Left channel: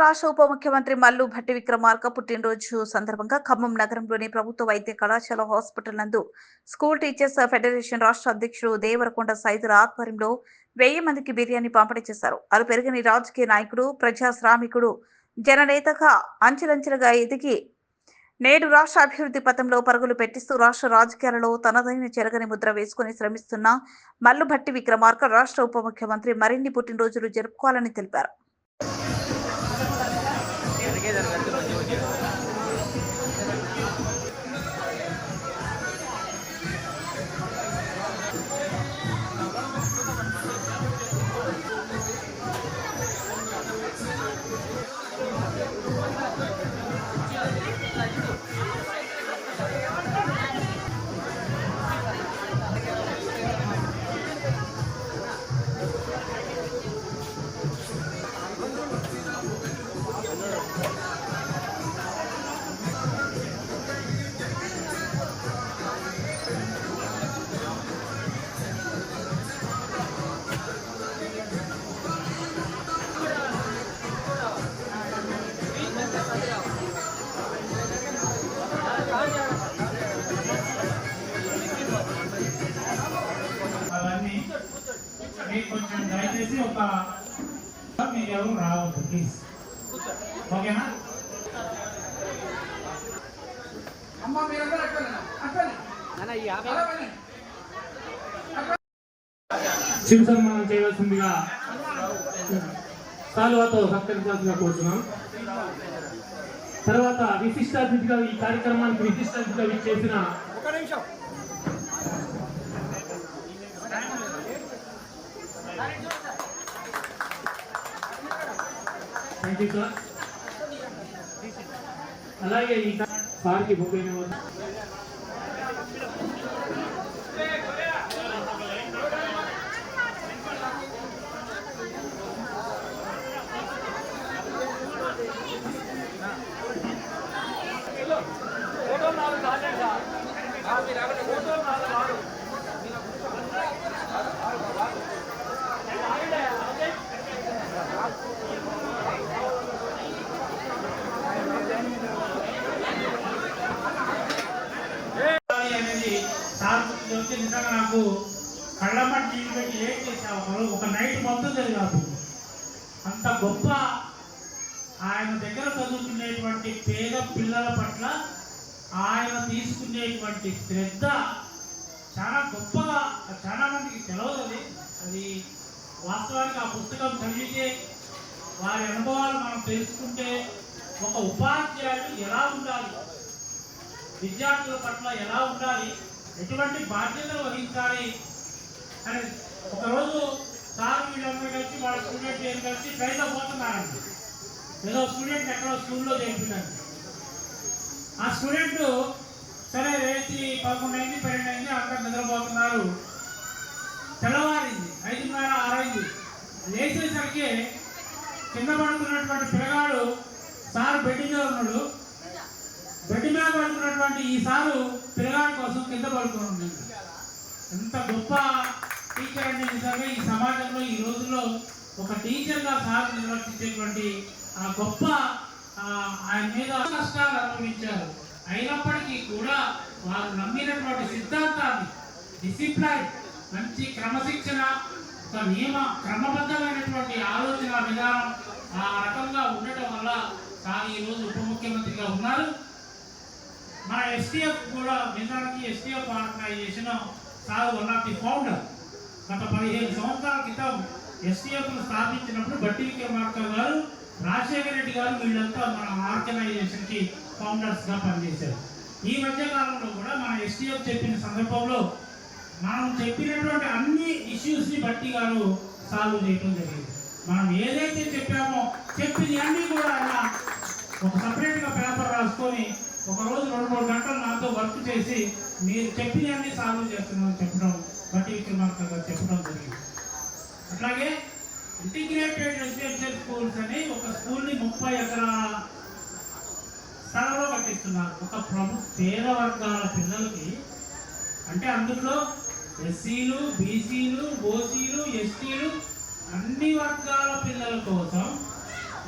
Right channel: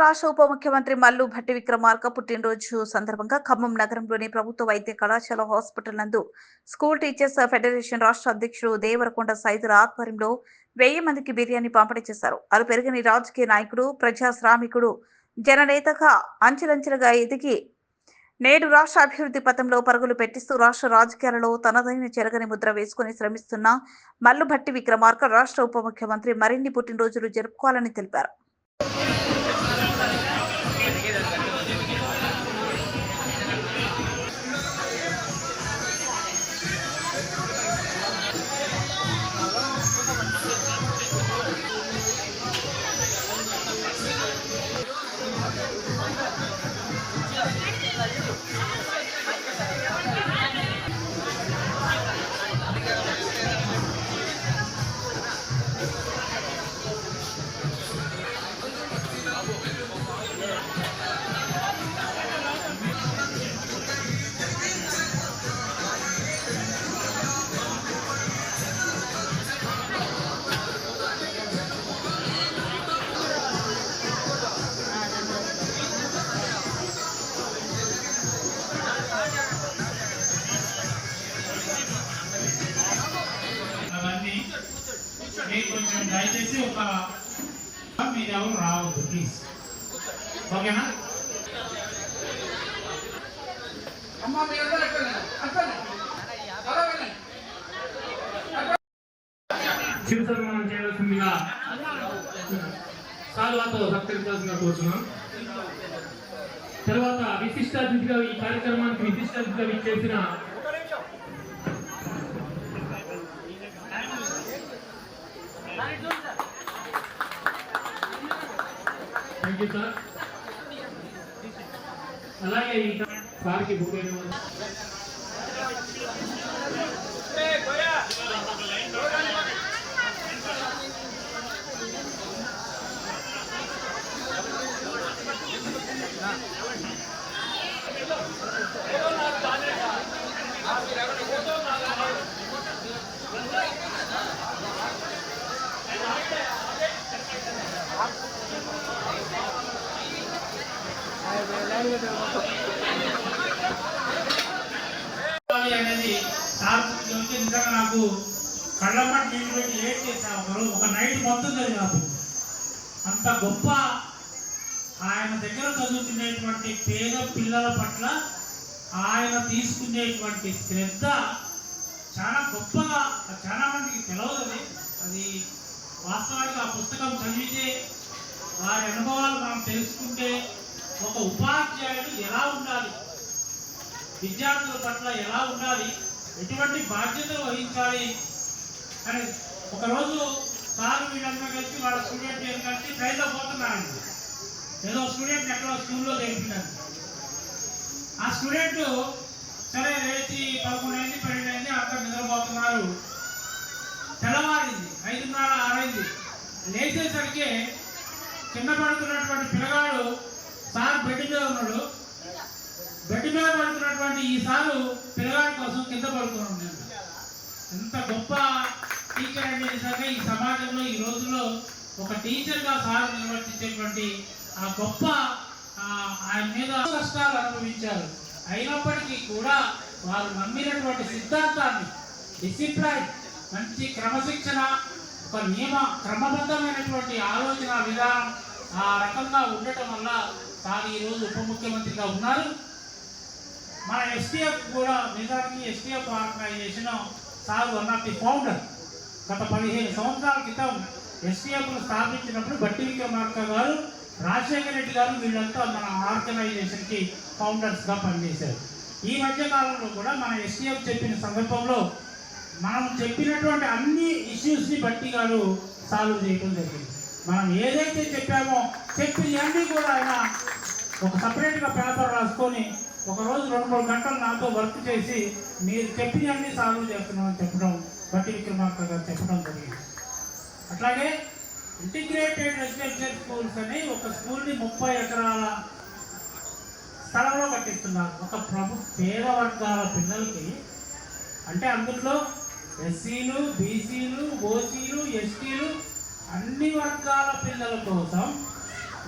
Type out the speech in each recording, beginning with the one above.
రాష్ట్ర ఉప ముఖ్యమంత్రి మల్లు భట్టి విక్రమార్క పుట్టినరోజు సందర్భంగా ఖమ్మం నగరంలోని ప్రభుత్వ వైద్య కళాశాల హాస్పిటల్ నందు స్కూల్ టీచర్స్ ఫెడరేషన్ రాష్ట్ర అధ్యక్షుడు దేవరకొండ సైదుల ఆధ్వర్యంలో వెయ్యి మందికి బిర్యానీ పంపిణీ చేశారు. అది పెరిగిన రాజకీయ నాయకుడు ప్రజా శ్రామికుడు జననేతగా అంచెలంచెలుగా ఎదిగి నేడు రాష్ట్ర అభివృద్ధి పథంలో పరుగులు పెట్టిస్తూ రాష్ట్ర రాజకీయాలలో తనదైన చెరగని ముద్ర వేసుకుని శ్రమిస్తున్న మల్లుభట్టి విక్రమార్క రాష్ట్ర ఉప ముఖ్యమంత్రి మరిన్ని పుట్టినరోజులు జరుపుకోవాలని తెలిపారు. ఒక మీరు ఎవరు రావద్దు ప్లీజ్ ఓకేనా శివ సన్మానం చేయవలసిందిగా సాల్వాతో సత్కరించాల్సిందిగా కోరుతున్నాం తర్వాత విశిష్ట అతిథిగా ఈ కార్యక్రమానికి విశిష్ట అతిథిగా విచ్చేసిన థ్యాంక్ యూ సార్ అలాగే ఈ సార్కి బుక్ అయిన వాళ్ళు అనేది సార్ చెప్తే నిజంగా నాకు కళ్ళమటి నీళ్ళు పెట్టి ఏం చేసావు ఒక నైట్ మొత్తం జరిగారు అంత గొప్ప ఆయన దగ్గర చదువుకునేటువంటి పేద పిల్లల పట్ల ఆయన తీసుకునేటువంటి శ్రద్ధ చాలా గొప్పగా చాలా మందికి తెలియదు అది అది వాస్తవానికి ఆ పుస్తకం చదివితే వారి అనుభవాలు మనం తెలుసుకుంటే ఒక ఉపాధ్యాయుడు ఎలా ఉండాలి? విద్యార్థుల పట్ల ఎలా ఉండాలి? ఎటువంటి బాధ్యతలు వహించాలి? అని ఒకరోజు సార్ వీళ్ళందరూ కలిసి వాళ్ళ స్టూడెంట్ ఏం కలిసి ట్రైన్లో పోతున్నారండి. ఏదో స్టూడెంట్ ఎక్కడో స్కూల్లో చేయించారు ఆ స్టూడెంట్ సరే రేసి పదకొండు అయింది పన్నెండు అయింది అందరు నిద్రపోతున్నారు. తెల్లవారింది ఐదున్నర ఆరైంది. లేచేసరికి కింద పడుతున్నటువంటి పిల్లగాడు సార్ బెడ్ మీద ఉన్నాడు. బెడ్ పడుతున్నటువంటి ఈ సారు పిల్లల కోసం కింద పడుతున్నాను ఎంత గొప్ప టీచర్ అంటే నిజంగా ఈ సమాజంలో ఈ రోజుల్లో ఒక టీచర్గా సార్ నిర్వర్తించేటువంటి ఆ గొప్ప ఆయన మీద కష్టాలు అనుభవించారు. అయినప్పటికీ కూడా వారు నమ్మినటువంటి సిద్ధాంతాన్ని డిసిప్లైన్ మంచి క్రమశిక్షణ ఒక నియమ క్రమబద్ధమైనటువంటి ఆలోచన విధానం ఆ రకంగా ఉండటం వల్ల సార్ ఈరోజు ఉప ముఖ్యమంత్రిగా ఉన్నారు. మన ఎస్టీఎఫ్ కూడా నిజానికి STF organisation sir one of the founder గత పదిహేను సంవత్సరాల క్రితం ఎస్టీఎఫ్ను స్థాపించినప్పుడు బట్టి విక్రమార్క గారు రాజశేఖర రెడ్డి గారు వీళ్ళంతా మన ఆర్గనైజేషన్కి ఫౌండర్స్గా పనిచేశారు. ఈ మధ్య కాలంలో కూడా మన ఎస్టీఎఫ్ చెప్పిన సందర్భంలో మనం చెప్పినటువంటి అన్ని ఇష్యూస్ని బట్టి గారు సాల్వ్ చేయడం జరిగింది. మనం ఏదైతే చెప్పామో చెప్పింది అన్ని కూడా ఆయన ఒక సపరేట్గా పేపర్ రాసుకొని ఒక రోజు రెండు మూడు గంటలు నాతో వర్క్ చేసి మీరు చెప్పినవన్నీ సాల్వ్ చేస్తున్నామని చెప్పడం బట్టి విక్రమార్క గారు చెప్పడం జరిగింది. అట్లాగే ఇంటిగ్రేటెడ్ రెసిడెన్షియల్ స్కూల్స్ అని ఒక స్కూల్ని ముప్పై ఎకరాల స్థలంలో కట్టిస్తున్నారు. ఒక ప్రభు పేద వర్గాల పిల్లలకి. అంటే అందులో ఎస్సీలు బీసీలు ఓసీలు ఎస్టీలు అన్ని వర్గాల పిల్లల కోసం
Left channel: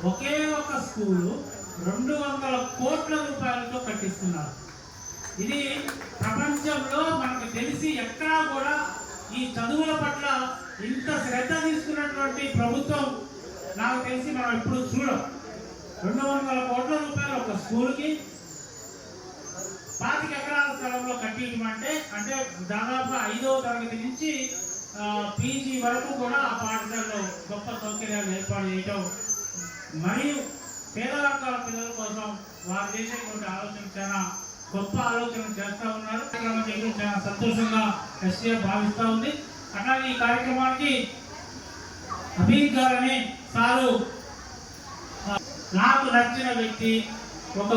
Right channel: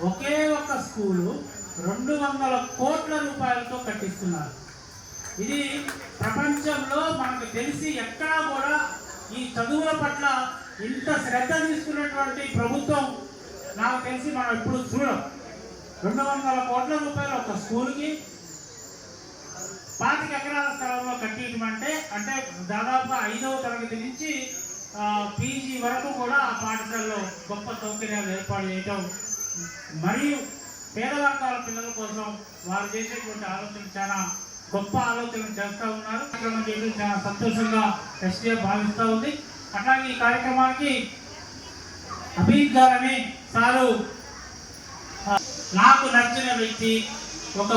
ఒకే ఒక స్కూలు రెండు వందల కోట్ల రూపాయలతో కట్టిస్తున్నారు. ఇది ప్రపంచంలో మనకు తెలిసి ఎక్కడా కూడా ఈ చదువుల పట్ల ఇంత శ్రద్ధ తీసుకున్నటువంటి ప్రభుత్వం నాకు తెలిసి మనం ఎప్పుడు చూడం. రెండు వందల కోట్ల రూపాయలు ఒక స్కూల్కి పాతిక ఎకరాల స్థలంలో కట్టియటం అంటే అంటే దాదాపుగా ఐదవ తరగతి నుంచి పీజీ వరకు కూడా ఆ పాఠశాలలో గొప్ప సౌకర్యాలు ఏర్పాటు చేయటం. మరియు పేద వర్గాల పిల్లల కోసం వారు చేసేటువంటి ఆలోచన చాలా గొప్ప ఆలోచనలు చేస్తూ ఉన్నారు. కార్యక్రమం చేయడం చాలా సంతోషంగా ఎస్టీఎఫ్ భావిస్తూ ఉంది. అట్లాగే ఈ కార్యక్రమానికి అభిజిత్ గారని సారు నాకు నచ్చిన వ్యక్తి ఒక